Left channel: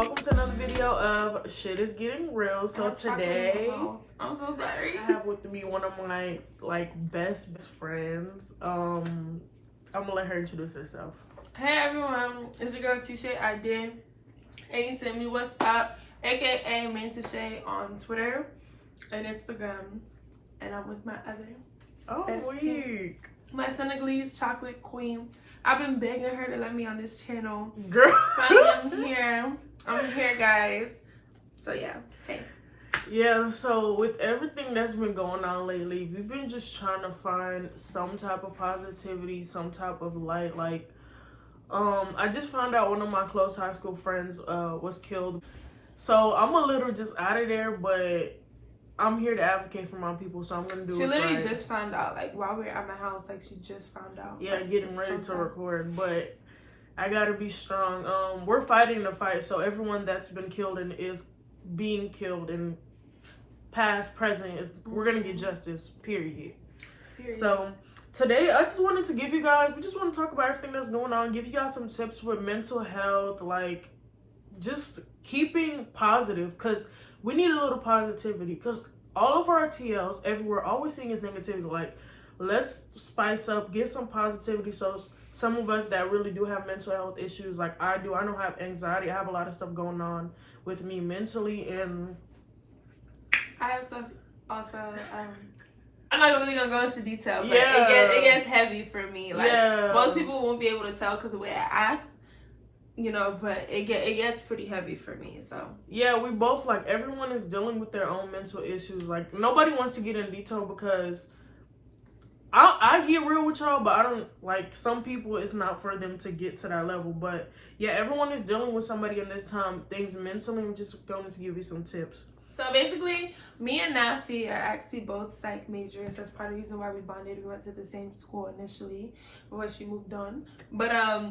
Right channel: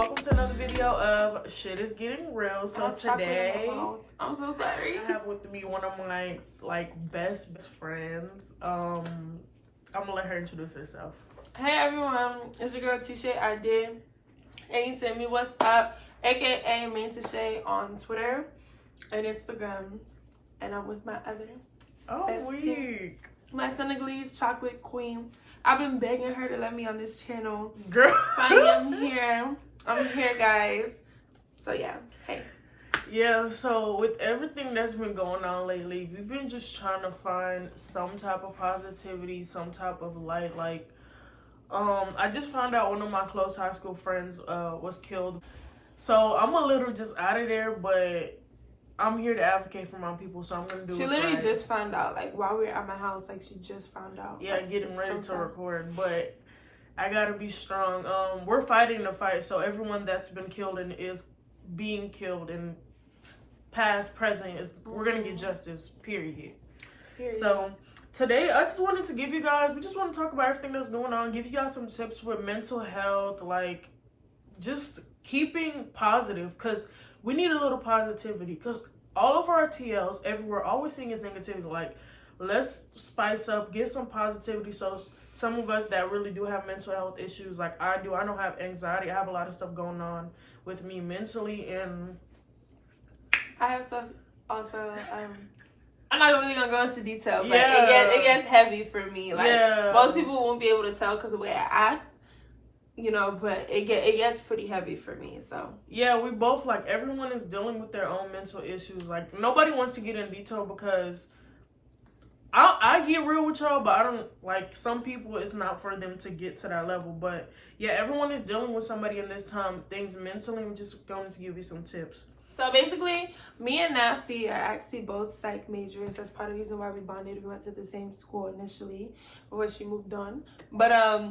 welcome to another video of Shit Is Getting Real. So today, I'm so sorry. I have with me one of my best friends. I'm gonna let her introduce herself. Hey everyone, it's your girl Tise Ade. And tell me what's up, aka Main Tise on Twitter and Instagram. And I'm with my other week. My Senegalese chocolate queen. I've been begging her to let me on this channel. Girl. Finally, I'm here, guys. So yeah, hey. Yeah, so with everything that's been going on lately, we've been just trying to find some type of positivity, some type of light. I just found out one of my close high school friends was killed. So I'm a little just out of there, but I'm here to advocate for my people, so I'm gonna do it. She literally just found out, while we were at my house, she just found out. Yeah, getting ready to record, but I gotta be strong. We're fighting the fight, so everyone that's been killed and is being killed and past, present, we're gonna get justice, period. So today, I just wanted to give you guys, we just want to talk about everything that's going on, give you guys some tips for mental health, just keeping positive, because we need a little positivity, because all of our TLs everywhere, all we're seeing is negativity. Let's spice up, get some positivity. So some of us that really do have mental health issues, like I do, I don't have anxiety, I have a lot of stuff going on with me mentally, and I have stuff also. I'm not really gonna go into detail, but it gets heavy for me. Most people won't be able to tell because of the way I act. But it gets pretty heavy for me, so. Yeah, we both, everyone is dealing with their own mental issues. Nobody wants to get in detail because I get real with y'all, but I don't, some people, it's not for them to get to that level. But, yeah, everyone is dealing with somebody in this time, things mentally. I'm just going to give you some tips. So, basically, me and Nafi are actually both psych majors. That's part of the reason why we bonded. We went to the same school initially before she moved on. But,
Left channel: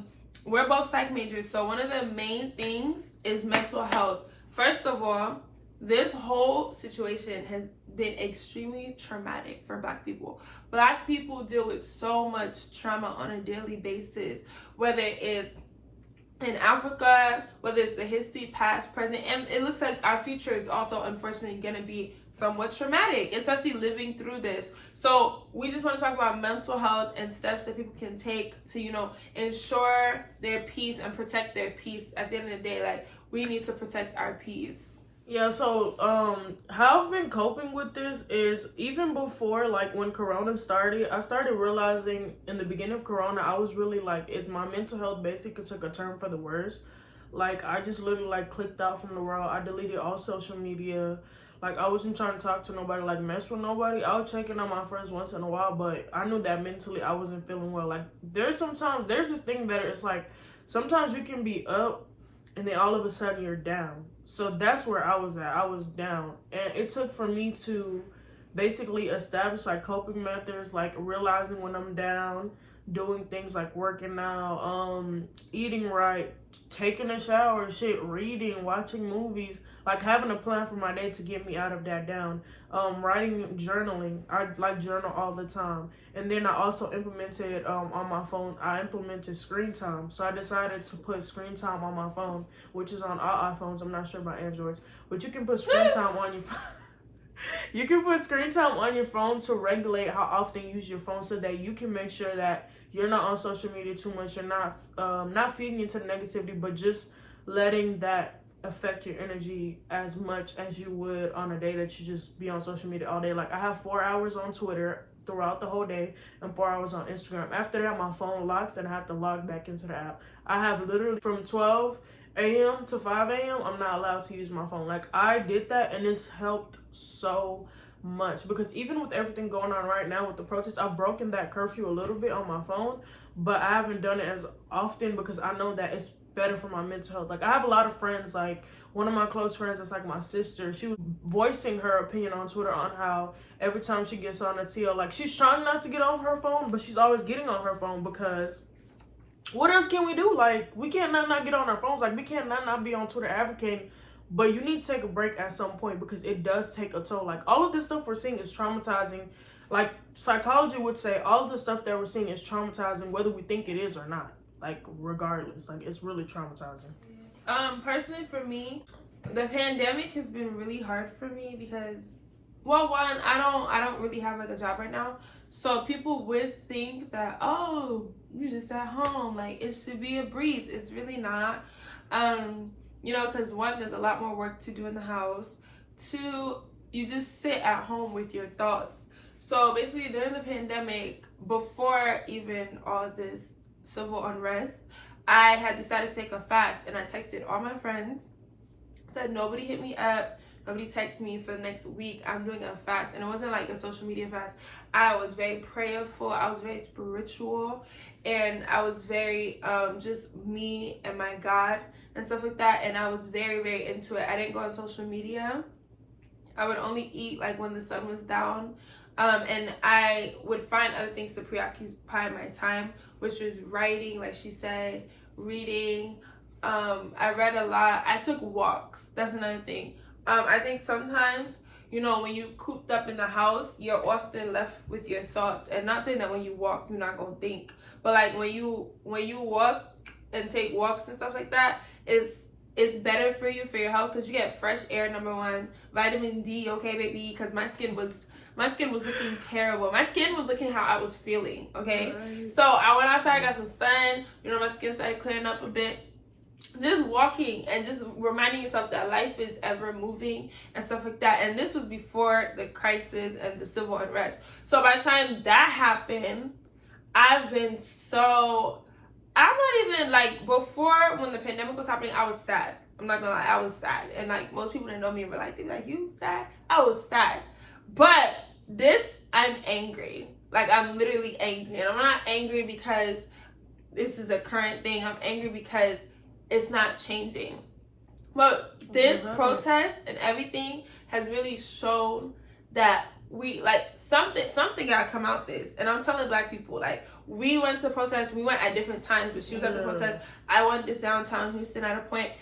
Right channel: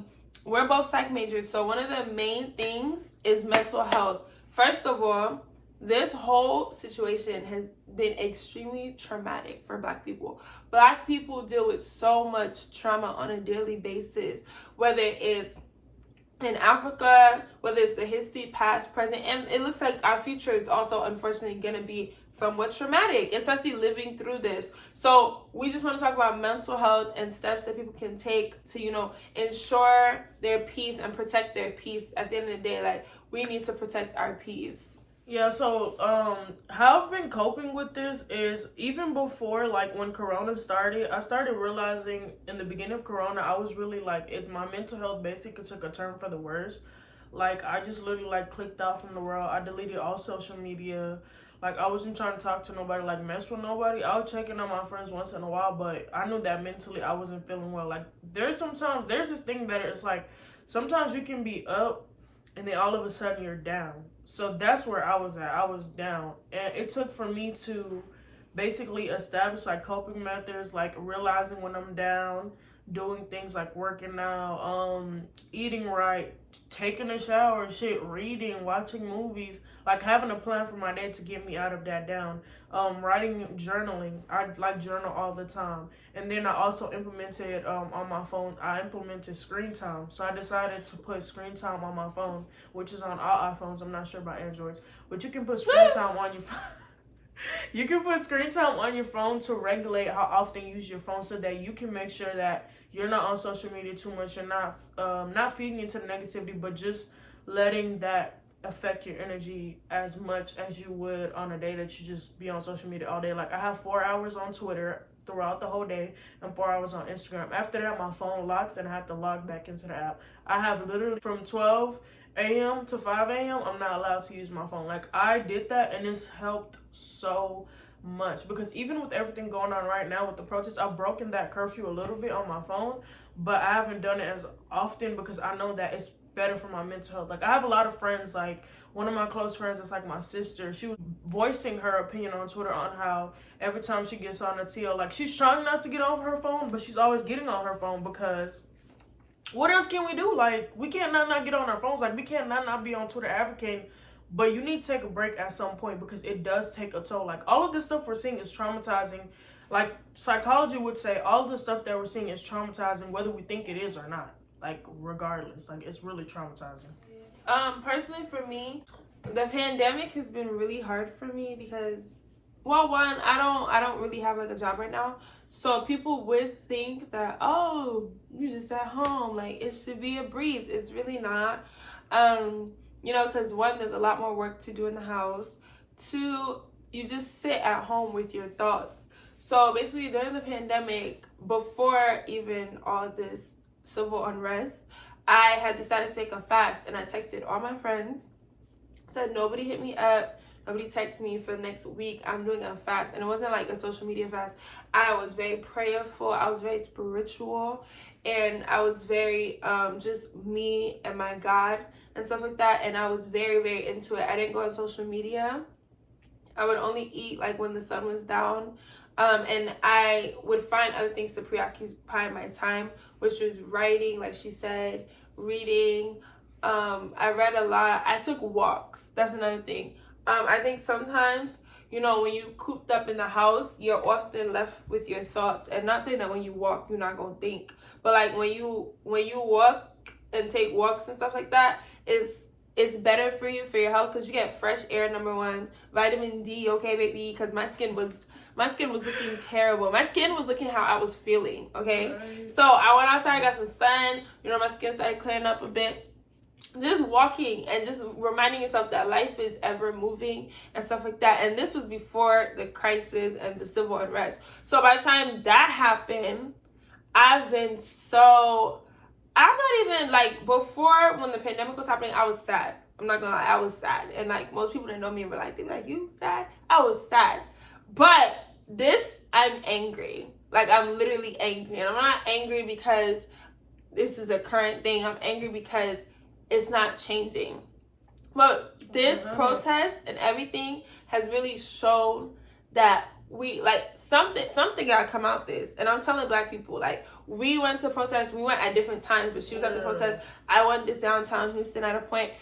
we're both psych majors, so one of the main things is mental health. First of all, this whole situation has been extremely traumatic for Black people. Black people deal with so much trauma on a daily basis, whether it's in Africa, whether it's the history, past, present, and it looks like our future is also unfortunately going to be somewhat traumatic, especially living through this. So we just want to talk about mental health and steps that people can take to, ensure their peace and protect their peace. At the end of the day, we need to protect our peace. Yeah, so how I've been coping with this is even before, when Corona started, I started realizing in the beginning of Corona, I was really my mental health basically took a turn for the worse. I just literally clicked out from the world. I deleted all social media. I wasn't trying to talk to nobody, mess with nobody. I was checking on my friends once in a while, but I knew that mentally I wasn't feeling well. There's this thing that it's sometimes you can be up and then all of a sudden you're down. So that's where I was at. I was down. And it took for me to basically establish coping methods, realizing when I'm down, doing things like working out, eating right, taking a shower, reading, watching movies, having a plan for my day to get me out of that down, writing, journaling. I journal all the time. And then I also implemented on my phone, I implemented screen time. So I decided to put screen time on my phone, which is on all iPhones. I'm not sure about Androids, but you can put screen time on your phone. You can put screen time on your phone to regulate how often you use your phone, so that you can make sure that you're not on social media too much. You're not feeding into the negativity, but just letting that affect your energy as much as you would on a day that you just be on social media all day. I have 4 hours on Twitter throughout the whole day and 4 hours on Instagram. After that, my phone locks and I have to log back into the app. I have literally from 12 a.m. to 5 a.m. I'm not allowed to use my phone. I did that and it's helped so much, because even with everything going on right now with the protests, I've broken that curfew a little bit on my phone, but I haven't done it as often because I know that it's better for my mental health. I have a lot of friends, one of my close friends is my sister. She was voicing her opinion on Twitter on how every time she gets on a TL, she's trying not to get on her phone, but she's always getting on her phone because what else can we do? We can't not get on our phones. We can't not be on Twitter advocating. But you need to take a break at some point because it does take a toll. All of this stuff we're seeing is traumatizing. Psychology would say all of the stuff that we're seeing is traumatizing, whether we think it is or not. Regardless. It's really traumatizing. Personally for me, the pandemic has been really hard for me because, well, one, I don't really have like a job right now. So people would think that, oh, you just at home, like it should be a breeze. It's really not. Because one, there's a lot more work to do in the house. Two, you just sit at home with your thoughts. So basically during the pandemic, before even all this civil unrest, I had decided to take a fast, and I texted all my friends, said nobody hit me up, nobody text me for the next week. I'm doing a fast, and it wasn't like a social media fast. I was very prayerful, I was very spiritual, and I was very just me and my God and stuff like that, and I was very, very into it. I didn't go on social media. I would only eat like when the sun was down, and I would find other things to preoccupy my time, which was writing, like she said, reading. I read a lot. I took walks. That's another thing. I think sometimes, when you cooped up in the house, you're often left with your thoughts. And not saying that when you walk, you're not gonna think, but like when you walk and take walks and stuff like that, it's better for you, for your health, because you get fresh air, number one, vitamin D, okay, baby, because my skin was looking terrible. My skin was looking how I was feeling, okay? Right. So I went outside, I got some sun, my skin started clearing up a bit. Just walking and just reminding yourself that life is ever moving and stuff like that. And this was before the crisis and the civil unrest. So by the time that happened, I'm not even like, before when the pandemic was happening, I was sad. I'm not gonna lie, I was sad. And like most people that know me were like, they'd be like, you sad? I was sad. But I'm angry. Like, I'm literally angry. And I'm not angry because this is a current thing. I'm angry because it's not changing. But this protest and everything has really shown that we, like, something gotta come out this. And I'm telling Black people, like, we went to protest. We went at different times, but she was at the protest. I went to downtown Houston at a point.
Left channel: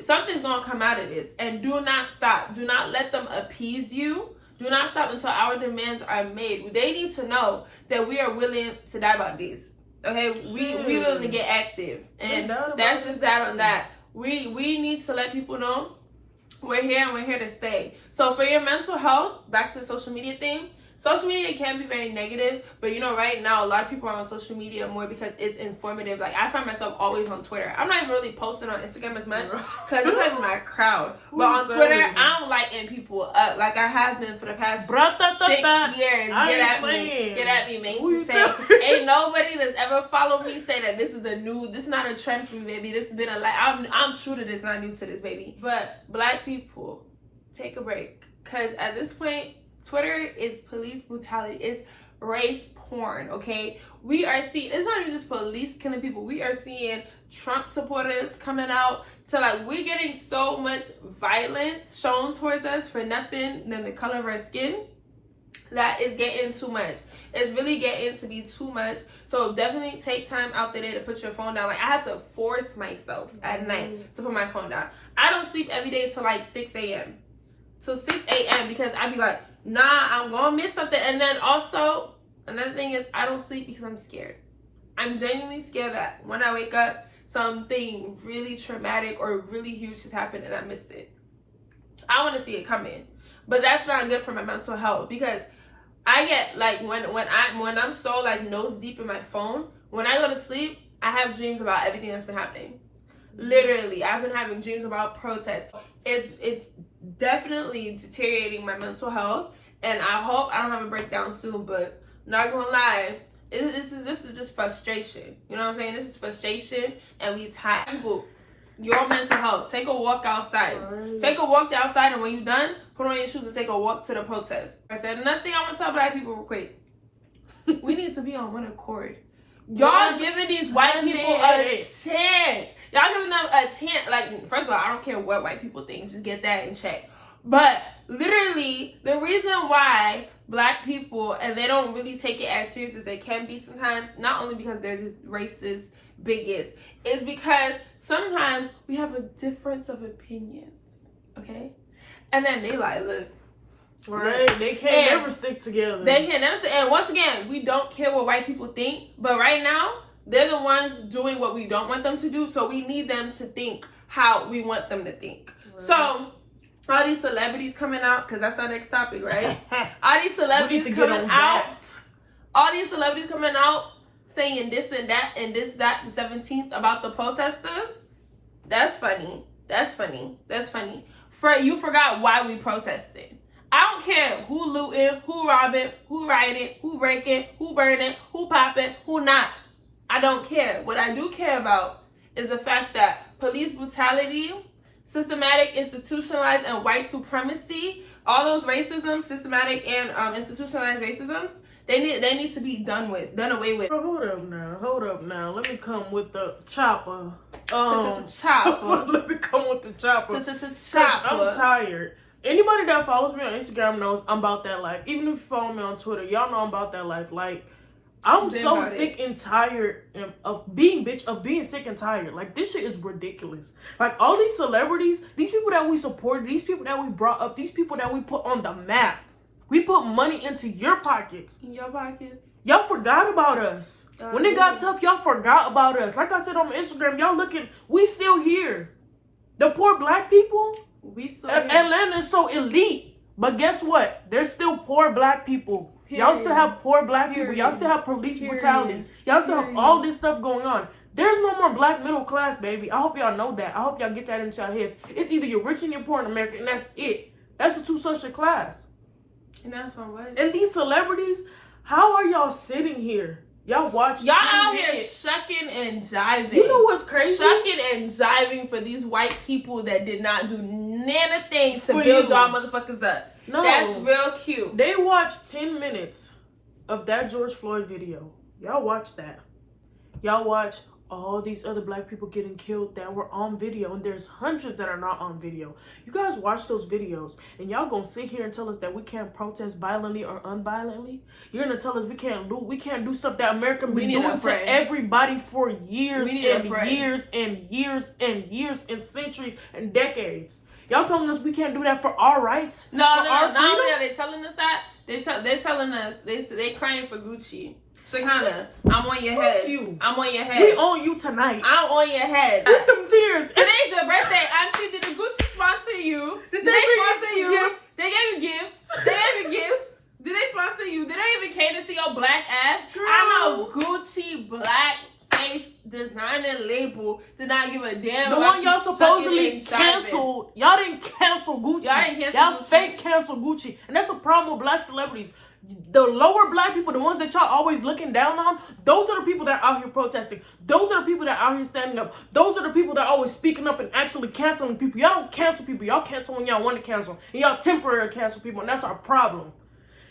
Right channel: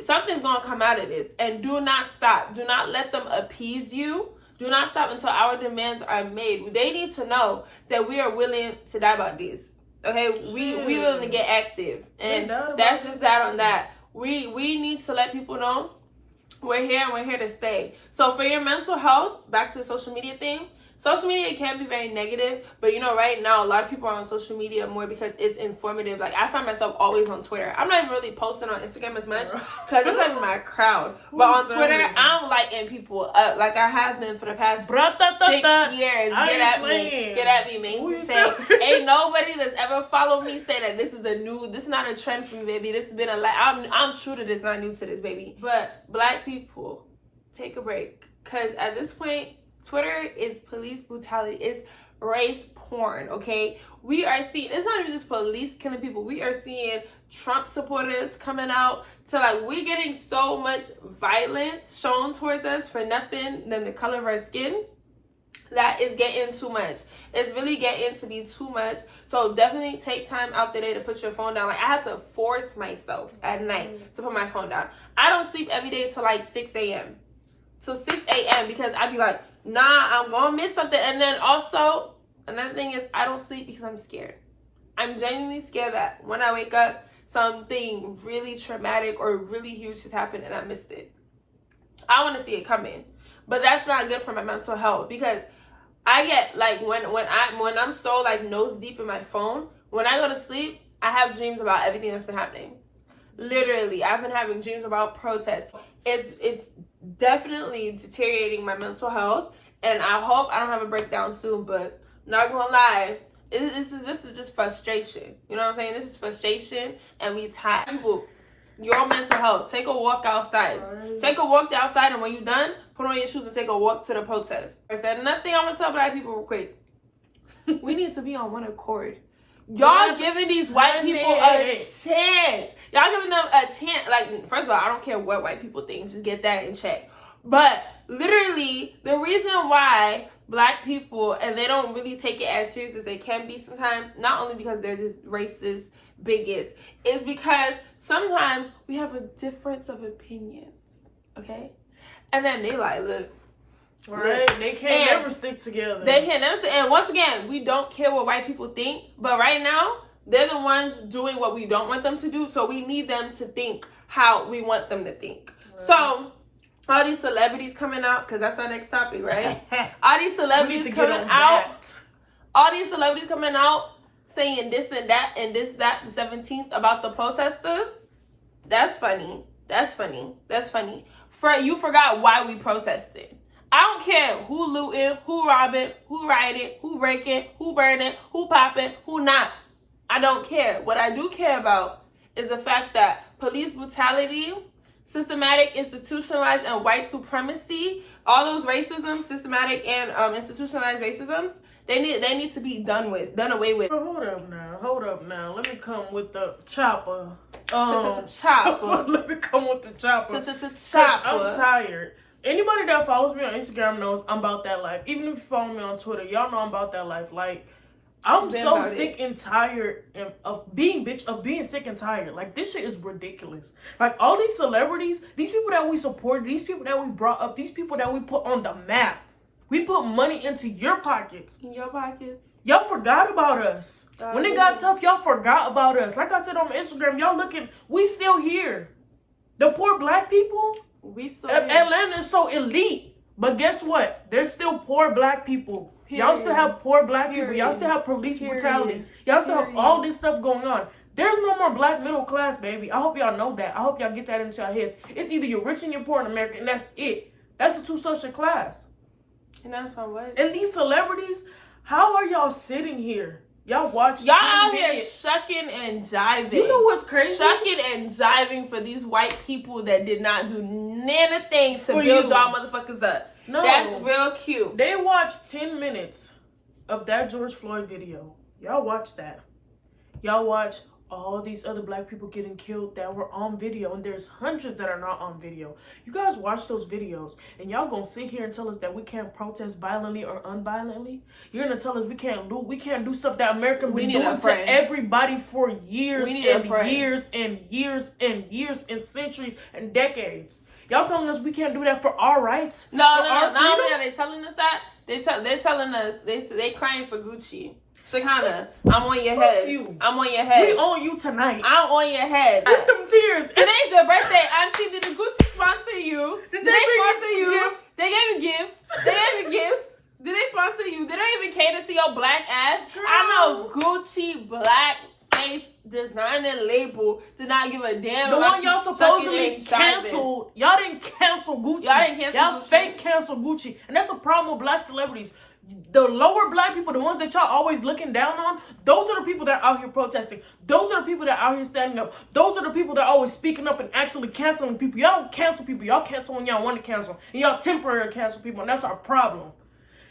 Something's gonna come out of this. And do not stop. Do not let them appease you. Do not stop until our demands are made. They need to know that we are willing to die about this. Okay, we willing to get active, and that's just that on that. We need to let people know we're here and we're here to stay. So for your mental health, back to the social media thing. Social media can be very negative, but right now a lot of people are on social media more because it's informative. Like, I find myself always on Twitter. I'm not even really posting on Instagram as much because it's like my crowd. But on Twitter, I'm lighting people up like I have been for the past 6 years. Get at me, man. Ain't nobody that's ever followed me say that this is not a trend for me, baby. This has been I'm true to this, not new to this, baby. But Black people, take a break, because at this point, Twitter is police brutality. It's race porn, okay? We are seeing, it's not even just police killing people. We are seeing Trump supporters coming out to, like, we're getting so much violence shown towards us for nothing than the color of our skin. That is getting too much. It's really getting to be too much. So definitely take time out the day to put your phone down. Like, I had to force myself at night to put my phone down. I don't sleep every day till like 6 a.m. So 6 a.m. because I'd be like, nah, I'm gonna miss something. And then also, another thing is, I don't sleep because I'm scared. I'm genuinely scared that when I wake up, something really traumatic or really huge has happened and I missed it. I want to see it coming. But that's not good for my mental health, because I get, like, when I'm so, like, nose deep in my phone, when I go to sleep, I have dreams about everything that's been happening. Literally, I've been having dreams about protests. It's definitely deteriorating my mental health, and I hope I don't have a breakdown soon, but not gonna lie, this is just frustration. You know what I'm saying? This is frustration, and we tired. People, your mental health, take a walk outside. Take a walk outside, and when you're done, put on your shoes and take a walk to the protest. I said, nothing I want to tell Black people real quick. We need to be on one accord. Y'all giving these white people a chance. Y'all giving them a chance. Like, first of all, I don't care what white people think. Just get that in check. But literally, the reason why Black people, and they don't really take it as serious as they can be sometimes, not only because they're just racist bigots, is because sometimes we have a difference of opinions. Okay? And then they like, look. Right, they can't never stick together. They can't never stick. And once again, we don't care what white people think, but right now, they're the ones doing what we don't want them to do, so we need them to think how we want them to think. Right. So all these celebrities coming out, because that's our next topic, right? All these celebrities coming out. All these celebrities coming out saying this and that and this, that, the 17th about the protesters. That's funny. That's funny. That's funny. You forgot why we protested. I don't care who looting, who robbing, who rioting, who breaking, who burning, who popping, who not. I don't care. What I do care about is the fact that police brutality, systematic, institutionalized, and white supremacy, all those racism, systematic and institutionalized racisms, they need to be done away with. Hold up now. Let me come with the chopper. Chopper. Let me come with the chopper. Chopper. I'm tired. Anybody that follows me on Instagram knows I'm about that life. Even if you follow me on Twitter, y'all know I'm about that life. Like, I'm so sick and tired of being sick and tired. Like, this shit is ridiculous. Like, all these celebrities, these people that we supported, these people that we brought up, these people that we put on the map. We put money into your pockets. In your pockets. Y'all forgot about us. When it got tough, y'all forgot about us. Like I said on my Instagram, y'all looking, we still here. The poor black people, Atlanta is so elite. But guess what? There's still poor black people. Period. Y'all still have poor black people. Y'all still have police brutality. Y'all still have all this stuff going on. There's no more black middle class, baby. I hope y'all know that. I hope y'all get that into your heads. It's either you're rich and you're poor in America, and that's it. That's a two-social class. And that's on what? And these celebrities, how are y'all sitting here? Y'all watch. Y'all out here shucking and jiving. You know what's crazy? Shucking and jiving for these white people that did not do anything to build y'all motherfuckers up. No. That's real cute. They watched 10 minutes of that George Floyd video. Y'all watch that. Y'all watch all these other black people getting killed that were on video, and there's hundreds that are not on video. You guys watch those videos, and y'all gonna sit here and tell us that we can't protest violently or unviolently? You're gonna tell us we can't loot, we can't do stuff that America been doing to everybody for years and years and years and years and centuries and decades. Y'all telling us we can't do that for our rights? No, not only are they telling us that, they're telling us they crying for Gucci. Shakana, I'm on your head. You. I'm on your head. We on you tonight. I'm on your head. With them tears. Today's your birthday. Auntie, did the Gucci sponsor you? Did they sponsor you? They gave you gifts. Did they sponsor you? Did they even cater to your black ass? Girl. I know Gucci black face designer label did not give a damn. The one y'all supposedly canceled. Y'all didn't cancel Gucci. Y'all fake cancel Gucci. And that's a problem with black celebrities. The lower black people, the ones that y'all always looking down on, those are the people that are out here protesting. Those are the people that are out here standing up. Those are the people that are always speaking up and actually canceling people. Y'all don't cancel people. Y'all cancel when y'all want to cancel. And y'all temporarily cancel people, and that's our problem.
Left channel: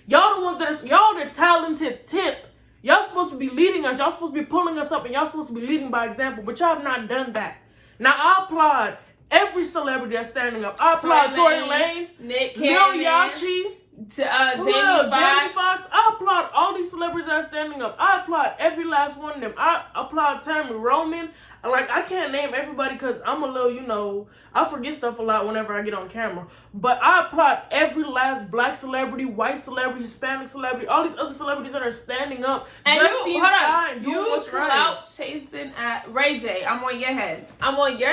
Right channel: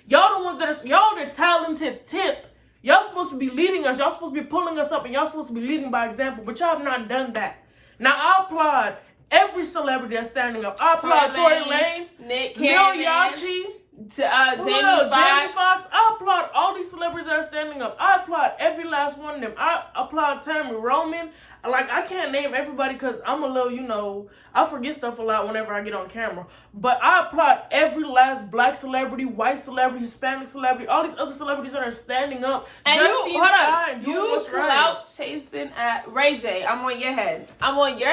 Y'all the ones that are, y'all the talented tip. Y'all supposed to be leading us. Y'all supposed to be pulling us up, and y'all supposed to be leading by example. But y'all have not done that. Now, I applaud every celebrity that's standing up. I applaud Tory Lanez, Lil Yachty, Jamie Foxx. I applaud all these celebrities that are standing up. I applaud every last one of them. I applaud Tammy Roman. Like, I can't name everybody because I'm a little, I forget stuff a lot whenever I get on camera. But I applaud every last black celebrity, white celebrity, Hispanic celebrity, all these other celebrities that are standing up. And just being fine, doing what's right. Out chasing at Ray J. I'm on your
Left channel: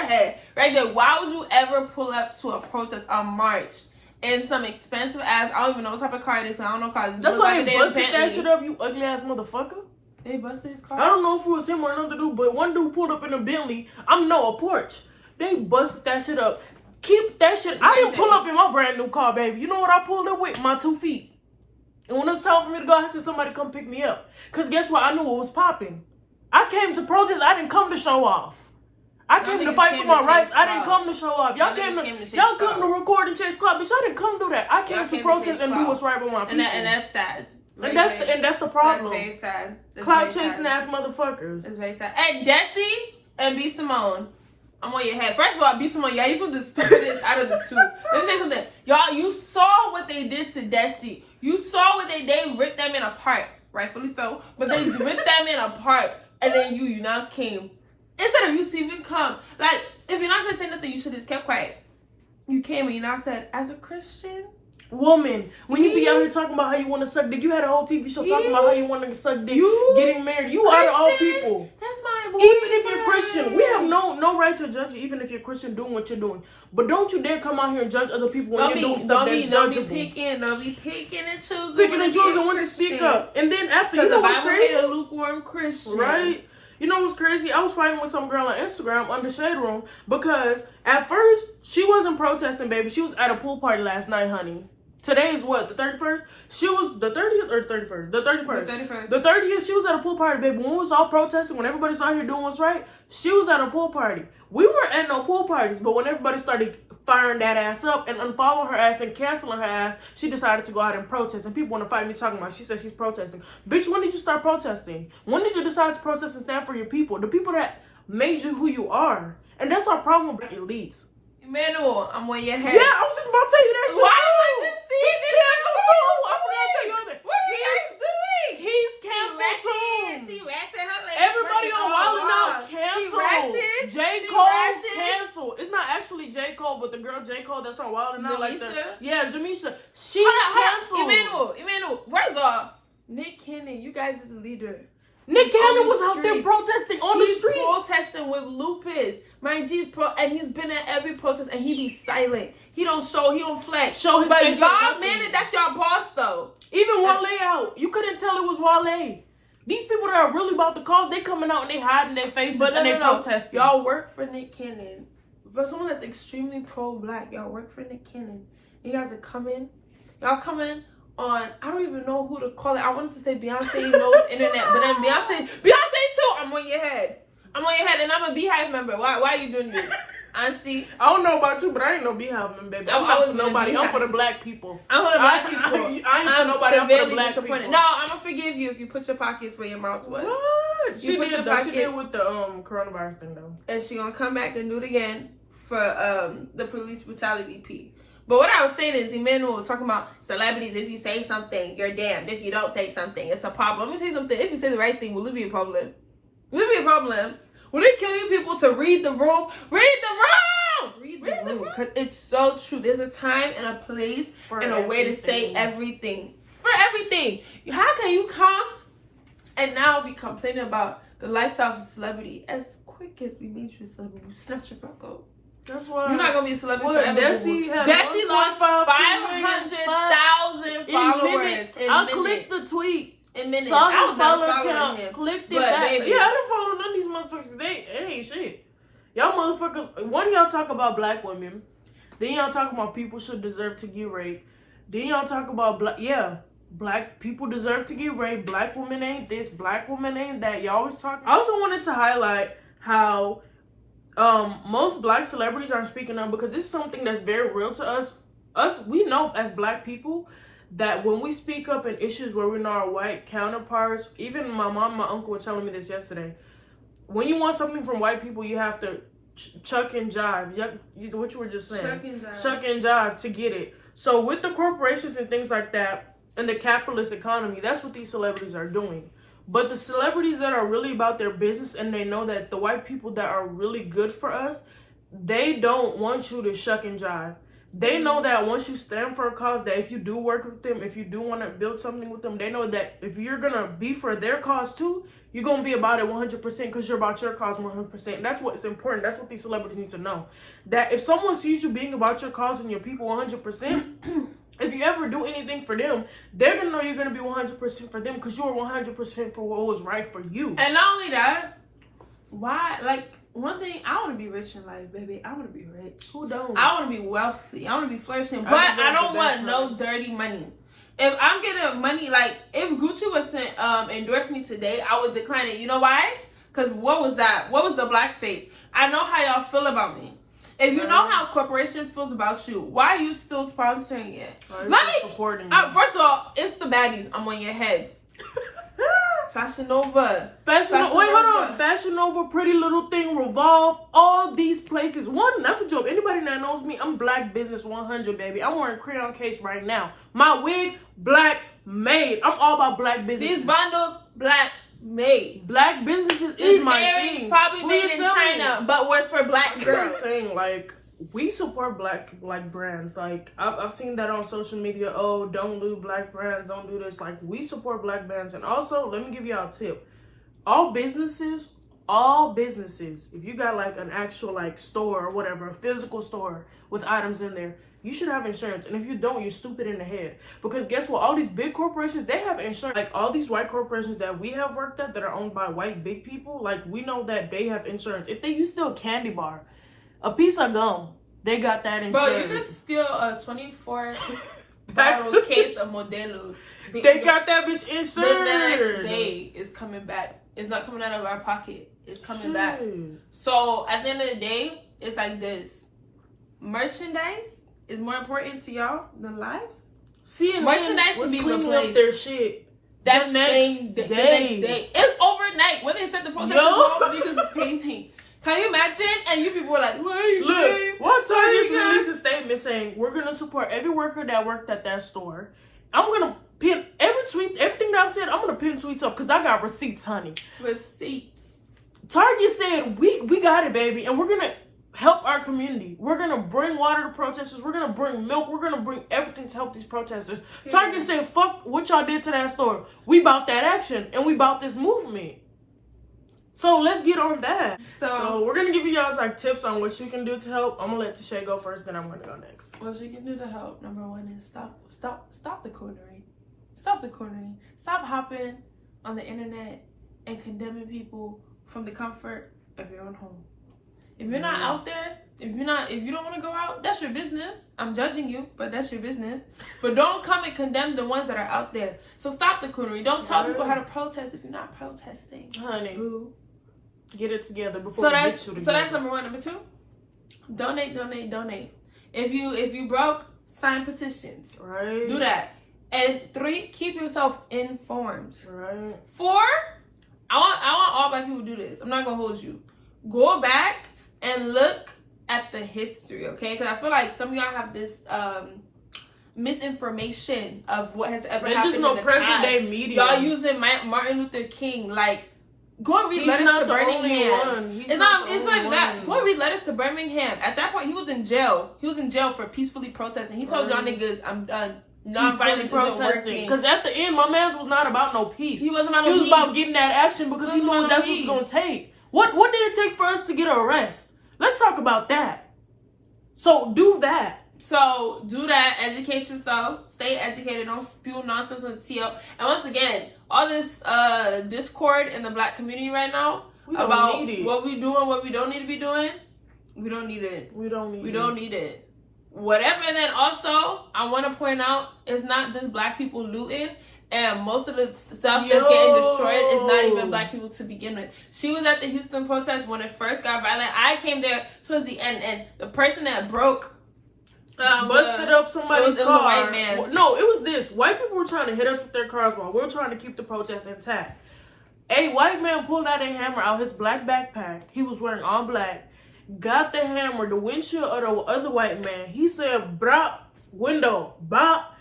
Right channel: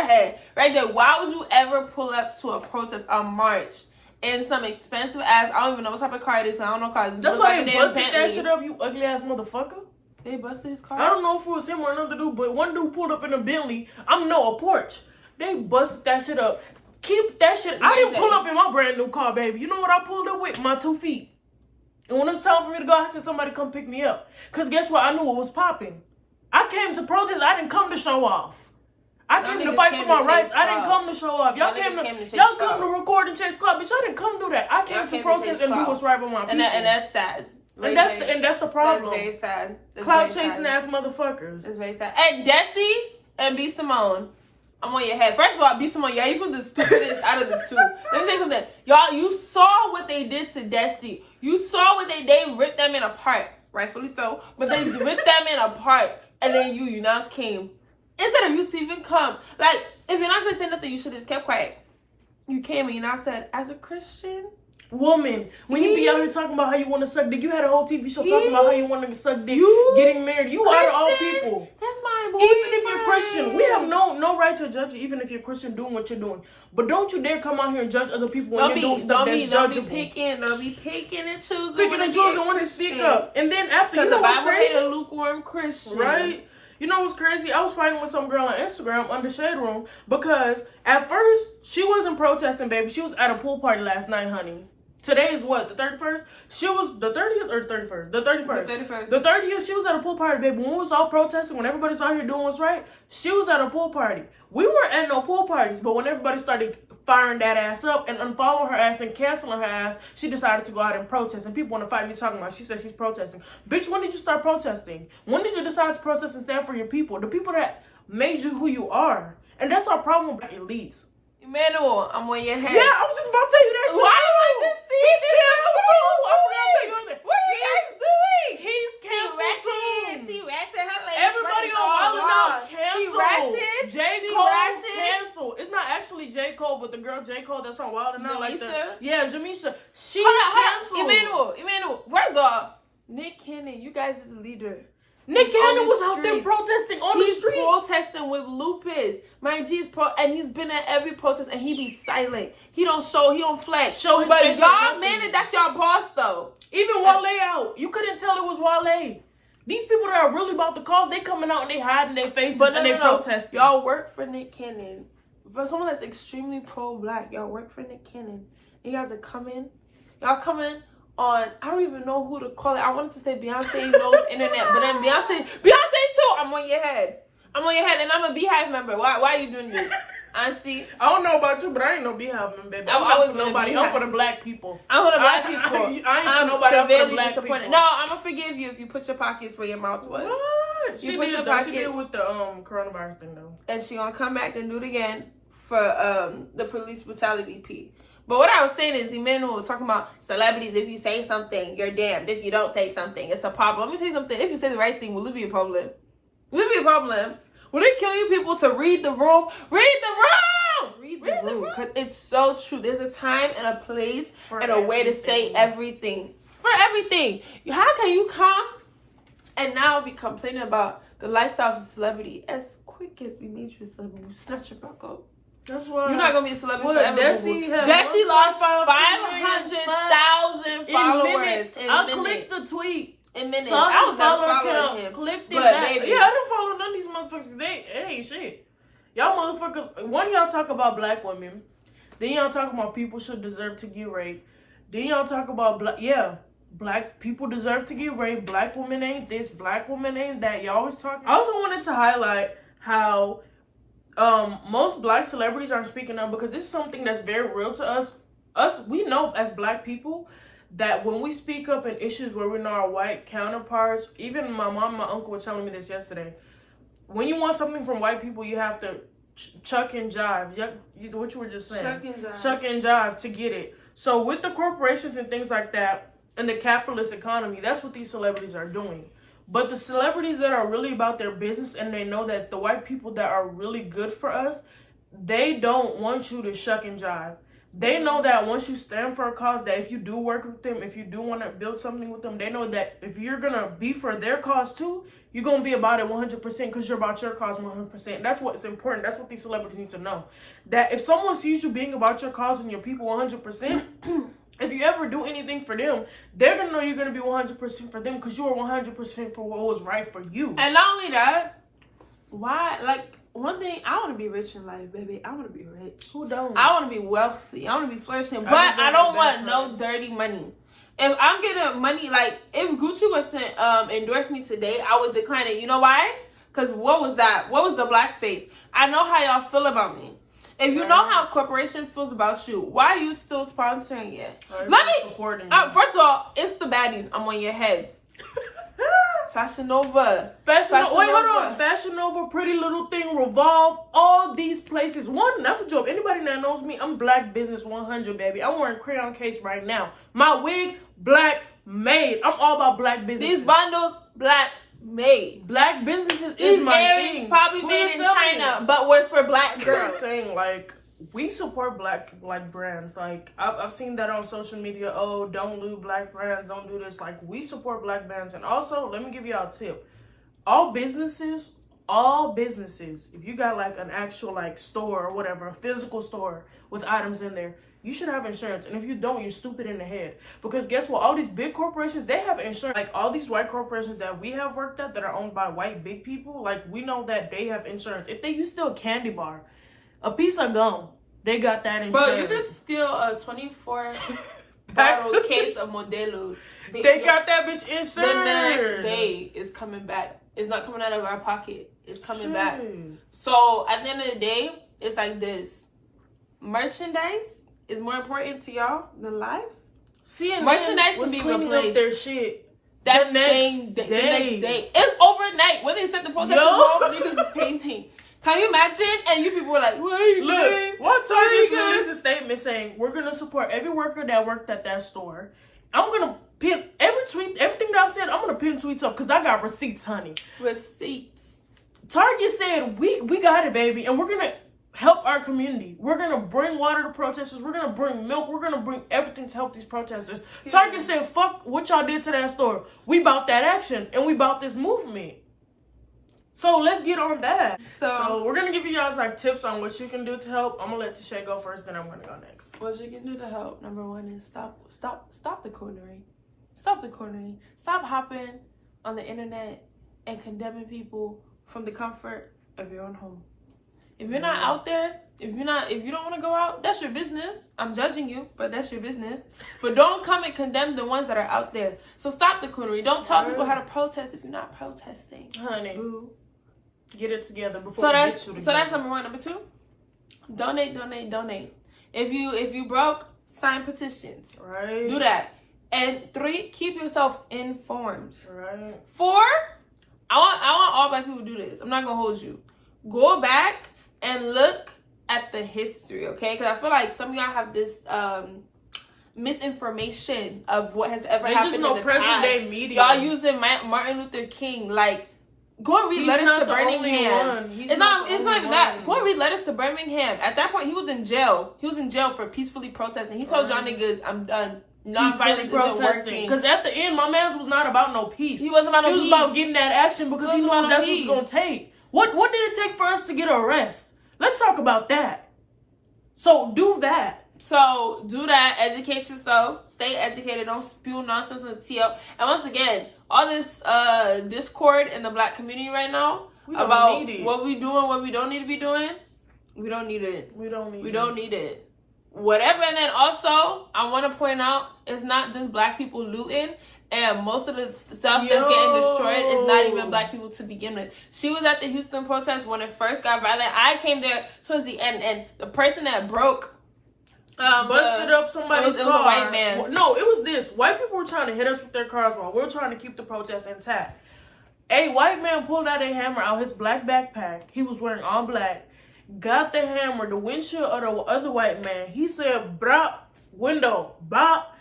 head. Ray J, why would you ever pull up to a protest, a march, in some expensive ass, I don't even know what type of car it is, I don't know cars. That's why they busted that shit up, you ugly ass motherfucker. They busted his car? I don't know if it was him or another dude, but one dude pulled up in a Bentley. a Porsche. They busted that shit up. Keep that shit. I didn't pull up in my brand new car, baby. You know what I pulled up with? My 2 feet. And when it was time for me to go, I said somebody come pick me up. Because guess what? I knew what was popping. I came to protest. I didn't come to show off. I came to fight for my rights. I didn't come to show off. Y'all come to record and chase clout, bitch. I didn't come do that. I came to protest and do what's right by my people. And that's sad. And that's the problem. That's very sad. Clout chasing ass motherfuckers. It's very sad. Hey, Desi and B Simone, I'm on your head. First of all, B Simone, y'all even the stupidest out of the two. Let me say something. Y'all, you saw what they did to Desi. You saw what they ripped them in apart. Rightfully so. But they ripped them in apart. And then you now came. Instead of you to even come. Like, if you're not going to say nothing, you should have just kept quiet. You came and you now said, as a Christian, woman. When you be out here talking about how you want to suck dick, you had a whole TV show talking about how you want to suck dick, getting married. You out of all people. That's my boy. Even if you're Christian, we have no right to judge you. Even if you're Christian, doing what you're doing, but don't you dare come out here and judge other people when you're doing stuff that's judgeable. Don't be picking and choosing. Picking and choosing when to speak up, and then after, you know what's crazy? A lukewarm Christian, right? You know what's crazy? I was fighting with some girl on Instagram under Shade Room because at first she wasn't protesting, baby. She was at a pool party last night, honey. Today is what, the 31st? She was the 30th or 31st? The 31st. The 31st. The 30th, she was at a pool party, baby. When we was all protesting, when everybody's out here doing what's right, she was at a pool party. We weren't at no pool parties, but when everybody started firing that ass up and unfollowing her ass and canceling her ass, she decided to go out and protest. And people want to fight me talking about, she said she's protesting. Bitch, when did you start protesting? When did you decide to protest and stand for your people? The people that made you who you are. And that's our problem with black elites. Emmanuel, I'm on your head. Yeah, I was just about to tell you that shit. Why did I just see He's this? canceled too. I forgot to tell you other. What are you guys doing? He's canceled too. She ratchet her legs. Everybody on Wild 'N Out canceled. She J. Cole canceled. It's not actually J. Cole, but the girl J. Cole that's on Wild 'N Out, like that. Yeah, Jamisha. She's canceled. Emmanuel, first off, Nick Cannon, you guys is a leader. Nick Cannon was out there protesting on the streets. He's protesting with lupus. Mind you, and he's been at every protest, and he be silent. He don't flex. Show his face. But God, man, that's your boss, though. Even Wale out. You couldn't tell it was Wale. These people that are really about the cause, they coming out and they hiding their faces and they protesting. Y'all work for Nick Cannon. For someone that's extremely pro-black, y'all work for Nick Cannon. You guys are coming. Y'all coming on, I don't even know who to call it. I wanted to say Beyonce knows internet, but then Beyonce too. I'm on your head, and I'm a Beehive member. Why are you doing this? Auntie, I don't know about you, but I ain't no Beehive member, baby. I'm not for nobody. I'm for the black people. I'm for the black people. I ain't for nobody. I'm for the black people. No, I'm gonna forgive you if you put your pockets where your mouth was. What? She did though. She did with the coronavirus thing though. And she gonna come back and do it again for the police brutality P. But what I was saying is, Emmanuel was talking about celebrities. If you say something, you're damned. If you don't say something, it's a problem. Let me tell you something. If you say the right thing, will it be a problem? Will it be a problem? Will they kill you people to read the room? Read the room! Read the room. Because it's so true. There's a time and a place and a way to say everything. For everything. How can you come and now be complaining about the lifestyle of a celebrity? As quick as we made you a celebrity, we snatch it back up. That's why you're not gonna be a celebrity. Desi lost 500,000 followers. I clicked the tweet. Saw his follower count. Clicked it back. Baby. Yeah, I didn't follow none of these motherfuckers. They ain't shit. Y'all motherfuckers. One, y'all talk about black women. Then y'all talk about people should deserve to get raped. Then y'all talk about black people deserve to get raped. Black women ain't this. Black women ain't that. Y'all always talk. I also wanted to highlight how most black celebrities aren't speaking up because this is something that's very real to us. We know as black people that when we speak up in issues where we're not our white counterparts, even my mom and my uncle were telling me this yesterday. When you want something from white people, you have to chuck and jive. What you were just saying. Chuck and jive to get it. So with the corporations and things like that and the capitalist economy, that's what these celebrities are doing. But the celebrities that are really about their business and they know that the white people that are really good for us, they don't want you to shuck and jive. They know that once you stand for a cause, that if you do work with them, if you do want to build something with them, they know that if you're going to be for their cause too, you're going to be about it 100% because you're about your cause 100%. And that's what's important. That's what these celebrities need to know. That if someone sees you being about your cause and your people 100%, if you ever do anything for them, they're going to know you're going to be 100% for them because you are 100% for what was right for you. And not only that, one thing, I want to be rich in life, baby. I want to be rich. Who don't? I want to be wealthy. I want to be flourishing. But I don't want no dirty money. If I'm getting money, like, if Gucci was to endorse me today, I would decline it. You know why? Because what was that? What was the blackface? I know how y'all feel about me. If you know how corporation feels about you, why are you still sponsoring it? Supporting first of all, it's the baddies. I'm on your head. Fashion Nova. Wait, hold on. Fashion Nova, Pretty Little Thing, Revolve, all these places. One, not for joke. Anybody that knows me, I'm Black Business 100, baby. I'm wearing crayon case right now. My wig, black made. I'm all about black businesses. These bundles, black made. Black businesses is my thing. Probably made in China, but was for black girls. I'm saying, like, we support black brands. Like I've seen that on social media. Oh, don't do black brands, don't do this. Like we support black brands. And also, let me give y'all a tip. All businesses, if you got like an actual like store or whatever, a physical store with items in there, you should have insurance. And if you don't, you're stupid in the head. Because guess what? All these big corporations, they have insurance. Like all these white corporations that we have worked at that are owned by white big people, like we know that they have insurance. If they use still a candy bar, a piece of gum, they got that insurance. Bro, you can steal a 24 bottle case of Modelos. They got that bitch insured. The next day is coming back. It's not coming out of our pocket. It's coming back. So at the end of the day, it's like this. Merchandise is more important to y'all than lives. CNN merchandise was can be cleaning replaced. up their shit That the next day. It's overnight. When they set the protesters off, niggas was painting. Can you imagine? And you people were like, what are you doing? One Target's released a statement saying, we're going to support every worker that worked at that store. I'm going to pin every tweet, everything that I said, I'm going to pin tweets up because I got receipts, honey. Receipts. Target said, we got it, baby. And we're going to help our community. We're going to bring water to protesters. We're going to bring milk. We're going to bring everything to help these protesters. Target said, fuck what y'all did to that store. We about that action and we about this movement. So let's get on that. So we're gonna give you guys like tips on what you can do to help. I'm gonna let Tise go first, then I'm gonna go next. What you can do to help? Number one is stop the coonery. Stop the coonery. Stop hopping on the internet and condemning people from the comfort of your own home. If you're not out there, if you don't want to go out, that's your business. I'm judging you, but that's your business. But don't come and condemn the ones that are out there. So stop the coonery. Don't tell people how to protest if you're not protesting, honey. Ooh. Get it together before we get you together. So that's number one. Number two, donate. If you broke, sign petitions. Right. Do that. And three, keep yourself informed. Right. Four, I want all black people to do this. I'm not gonna hold you. Go back and look at the history, okay? Because I feel like some of y'all have this misinformation of what has ever happened. They just know present day media. Y'all using Martin Luther King like. Go and read letters to Birmingham. It's not even that. Go and read letters to Birmingham. At that point, he was in jail. He was in jail for peacefully protesting. He told y'all niggas, I'm done. Non-violent protesting. Because at the end, my man was not about no peace. He wasn't about no peace. He was about getting that action because he knew that's what it's going to take. What did it take for us to get an arrest? Let's talk about that. So do that. So do that. Educate yourself. Stay educated. Don't spew nonsense on the TL. And once again, all this discord in the black community right now about what we doing, what we don't need to be doing, we don't need it. We don't need it. Whatever. And then also, I want to point out, it's not just black people looting. And most of the stuff that's getting destroyed is not even black people to begin with. She was at the Houston protest when it first got violent. I came there towards the end, and the person that broke busted up somebody's car. It was a white man. No, it was this. White people were trying to hit us with their cars while we were trying to keep the protest intact. A white man pulled out a hammer out his black backpack. He was wearing all black. Got the hammer, the windshield of the other white man. He said, "Bop, window, bop."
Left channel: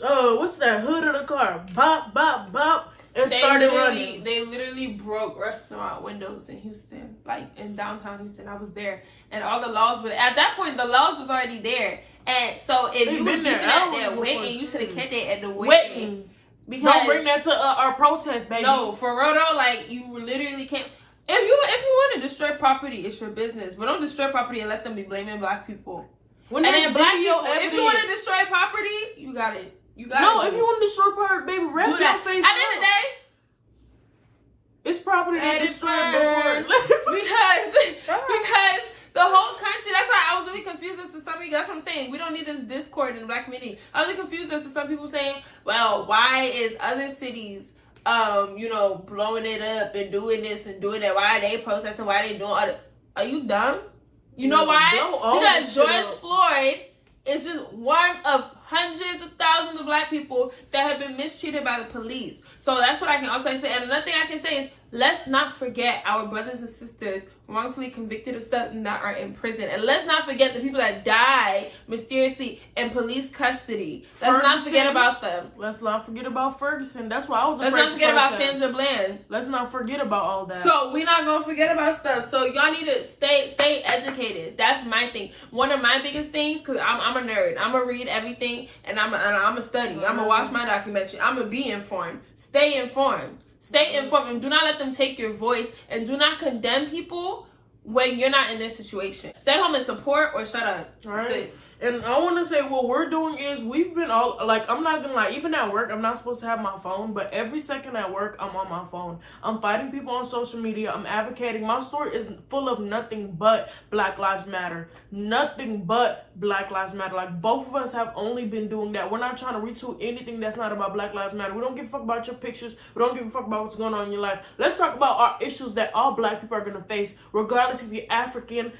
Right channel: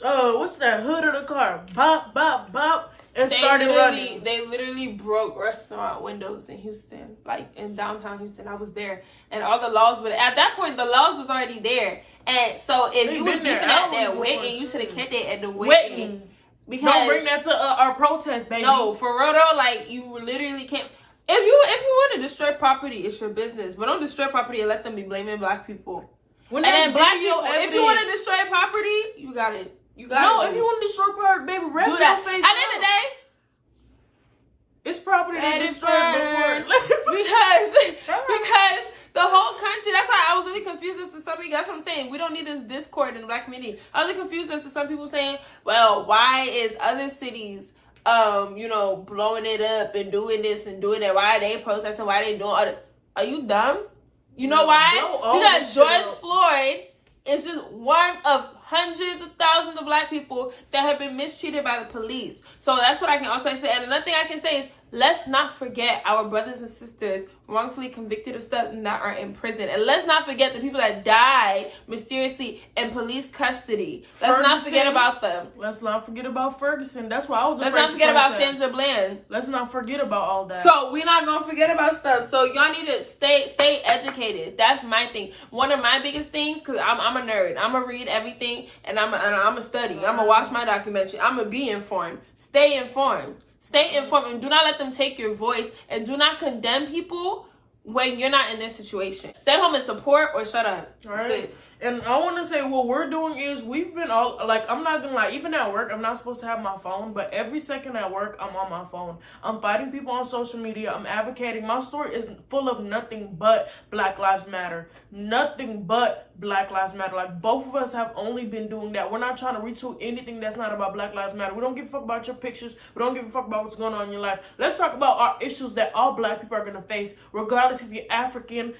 What's that? Hood of the car. Bop, bop, bop. And started running. They literally broke restaurant windows in Houston, like in downtown Houston. I was there. And all the laws were, at that point, the laws was already there. And so if you were there at that waiting, you should have kept it at the waiting. Because don't bring that to our protest, baby. No, for real though, like you literally can't. If you want to destroy property, it's your business. But don't destroy property and let them be blaming black people. When there's video evidence. If you want to destroy property, you got it. If you want to destroy property, baby, wrap your face. At the end of the day, it's property that destroyed before. because the whole country, that's why I was really confused as to some of you. That's what I'm saying. We don't need this discord in the black community. I was really confused as to some people saying, well, why is other cities, blowing it up and doing this and doing that? Why are they protesting? Why are they doing all that? Are you dumb? You know why? Because George Floyd is just one of hundreds of thousands of black people that have been mistreated by the police. So that's what I can also say. And another thing I can say is let's not forget our brothers and sisters wrongfully convicted of stuff that are in prison. And let's not forget the people that died mysteriously in police custody. Let's not forget about them. Let's not forget about Ferguson. That's why I was afraid to protest. Let's not forget about Sandra Bland. Let's not forget about all that. So we're not going to forget about stuff. So y'all need to stay educated. That's my thing. One of my biggest things, because I'm a nerd. I'm going to read everything, and I'm going to study. I'm going to watch my documentary. I'm going to be informed. Stay informed. Stay informed, and do not let them take your voice, and do not condemn people when you're not in this situation. Stay home and support, or shut up. All right. And I want to say what we're doing is we've been all, like, I'm not going to lie, even at work, I'm not supposed to have my phone, but every second at work, I'm on my phone. I'm fighting people on social media. I'm advocating. My story is full of nothing but Black Lives Matter. Nothing but Black Lives Matter. Like, both of us have only been doing that. We're not trying to retweet anything that's not about Black Lives Matter. We don't give a fuck about your pictures. We don't give a fuck about what's going on in your life. Let's talk about our issues that all Black people are going to face, regardless if you're African,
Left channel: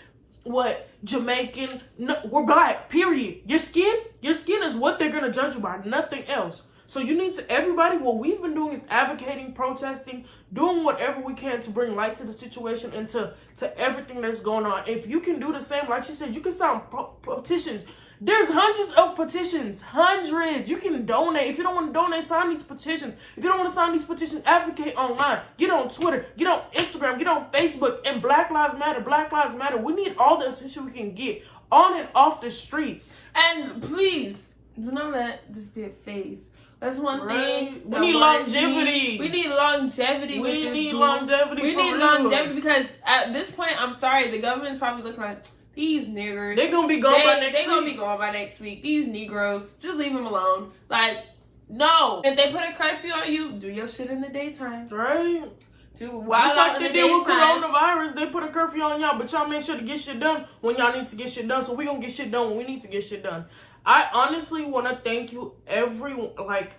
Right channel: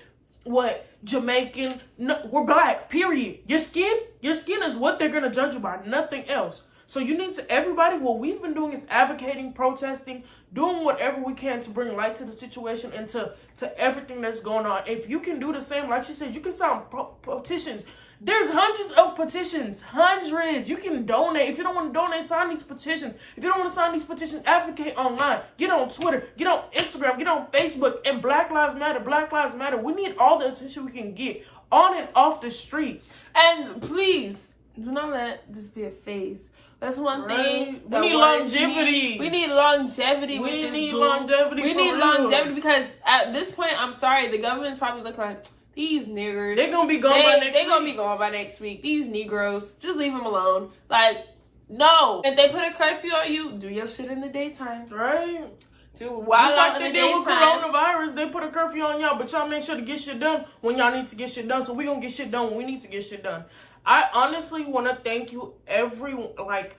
Jamaican. No, we're Black, period. Your skin is what they're gonna judge you by, nothing else. So you need to, everybody, what we've been doing is advocating, protesting, doing whatever we can to bring light to the situation and to everything that's going on. If you can do the same, like she said, you can sign petitions. There's hundreds of petitions, hundreds. You can donate. If you don't want to donate, sign these petitions. If you don't want to sign these petitions, advocate online. Get on Twitter, get on Instagram, get on Facebook. And Black Lives Matter, Black Lives Matter. We need all the attention we can get on and off the streets. And please, do not let this be a phase. That's one thing. We need longevity. We need longevity. We need longevity. We need longevity because at this point, I'm sorry, the government's probably looking like, these niggers. They're going to be gone by next week. They're going to be gone by next week. These Negroes, just leave them alone. Like, no. If they put a curfew on you, do your shit in the daytime. Right. Just like they did with coronavirus. They put a curfew on y'all, but y'all make sure to get shit done when y'all need to get shit done. So we going to get shit done when we need to get shit done. I honestly want to thank you, everyone. Like,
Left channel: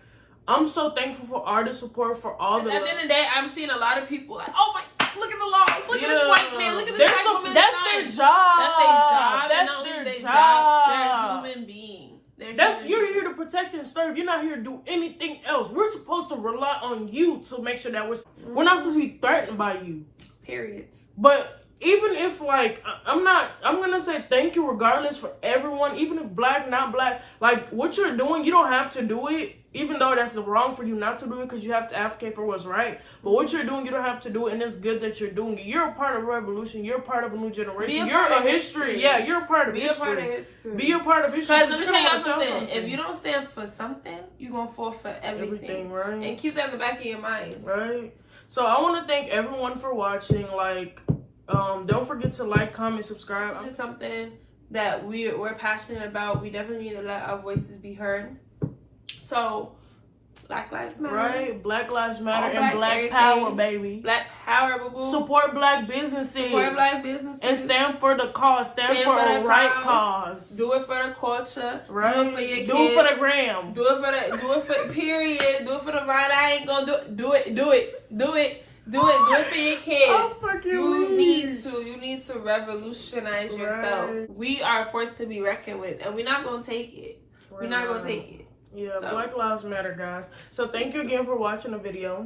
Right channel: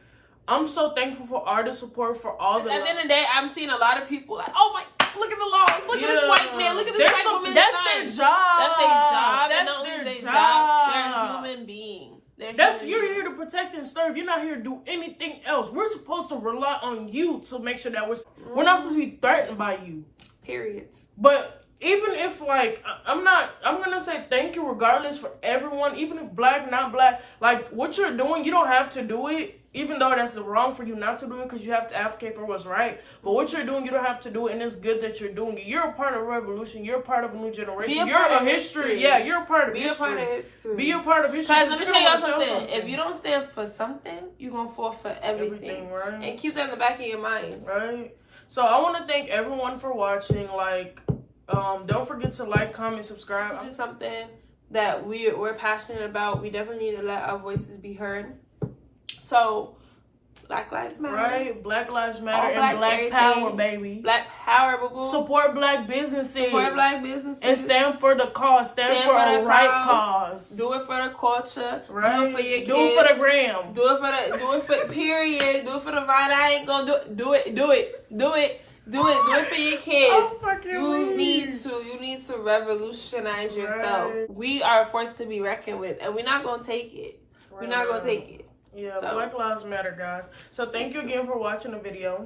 I'm so thankful for artist support, for all the. At the end of the day, I'm seeing a lot of people like, oh my, look at the laws, look at this white man, look at this white woman. That's their job. That's their job. That's their job. They're a human being. You're here to protect and serve. You're not here to do anything else. We're supposed to rely on you to make sure that we're not supposed to be threatened by you. Period. But even if, like, I'm gonna say thank you regardless for everyone, even if Black, not Black, like, what you're doing, you don't have to do it, even though that's wrong for you not to do it, because you have to advocate for what's right. But what you're doing, you don't have to do it, and it's good that you're doing it. You're a part of a revolution. You're a part of a new generation. You're a history. Yeah, you're a part of history. Be a part of history. Because you're gonna tell something. If you don't stand for something, you're gonna fall for everything. Right? And keep that in the back of your mind. Right. So I want to thank everyone for watching. Like, don't forget to like, comment, subscribe. This is something that we're passionate about. We definitely need to let our voices be heard. So, Black Lives Matter. Right? Black Lives Matter and Black Power, baby. Black Power, boo. Support Black businesses. Support Black businesses. And stand for the cause. Stand for a right cause. Do it for the culture. Right? Do it for your kids. Do it for the gram. Do it for period. Do it for the vine. I ain't gonna do it. Do it for your kids. Oh, fucking you need to revolutionize yourself. We are a force to be reckoned with, and we're not gonna take it. We're not gonna take it. Yeah, so. Black Lives Matter, guys. So thank you again for watching the video.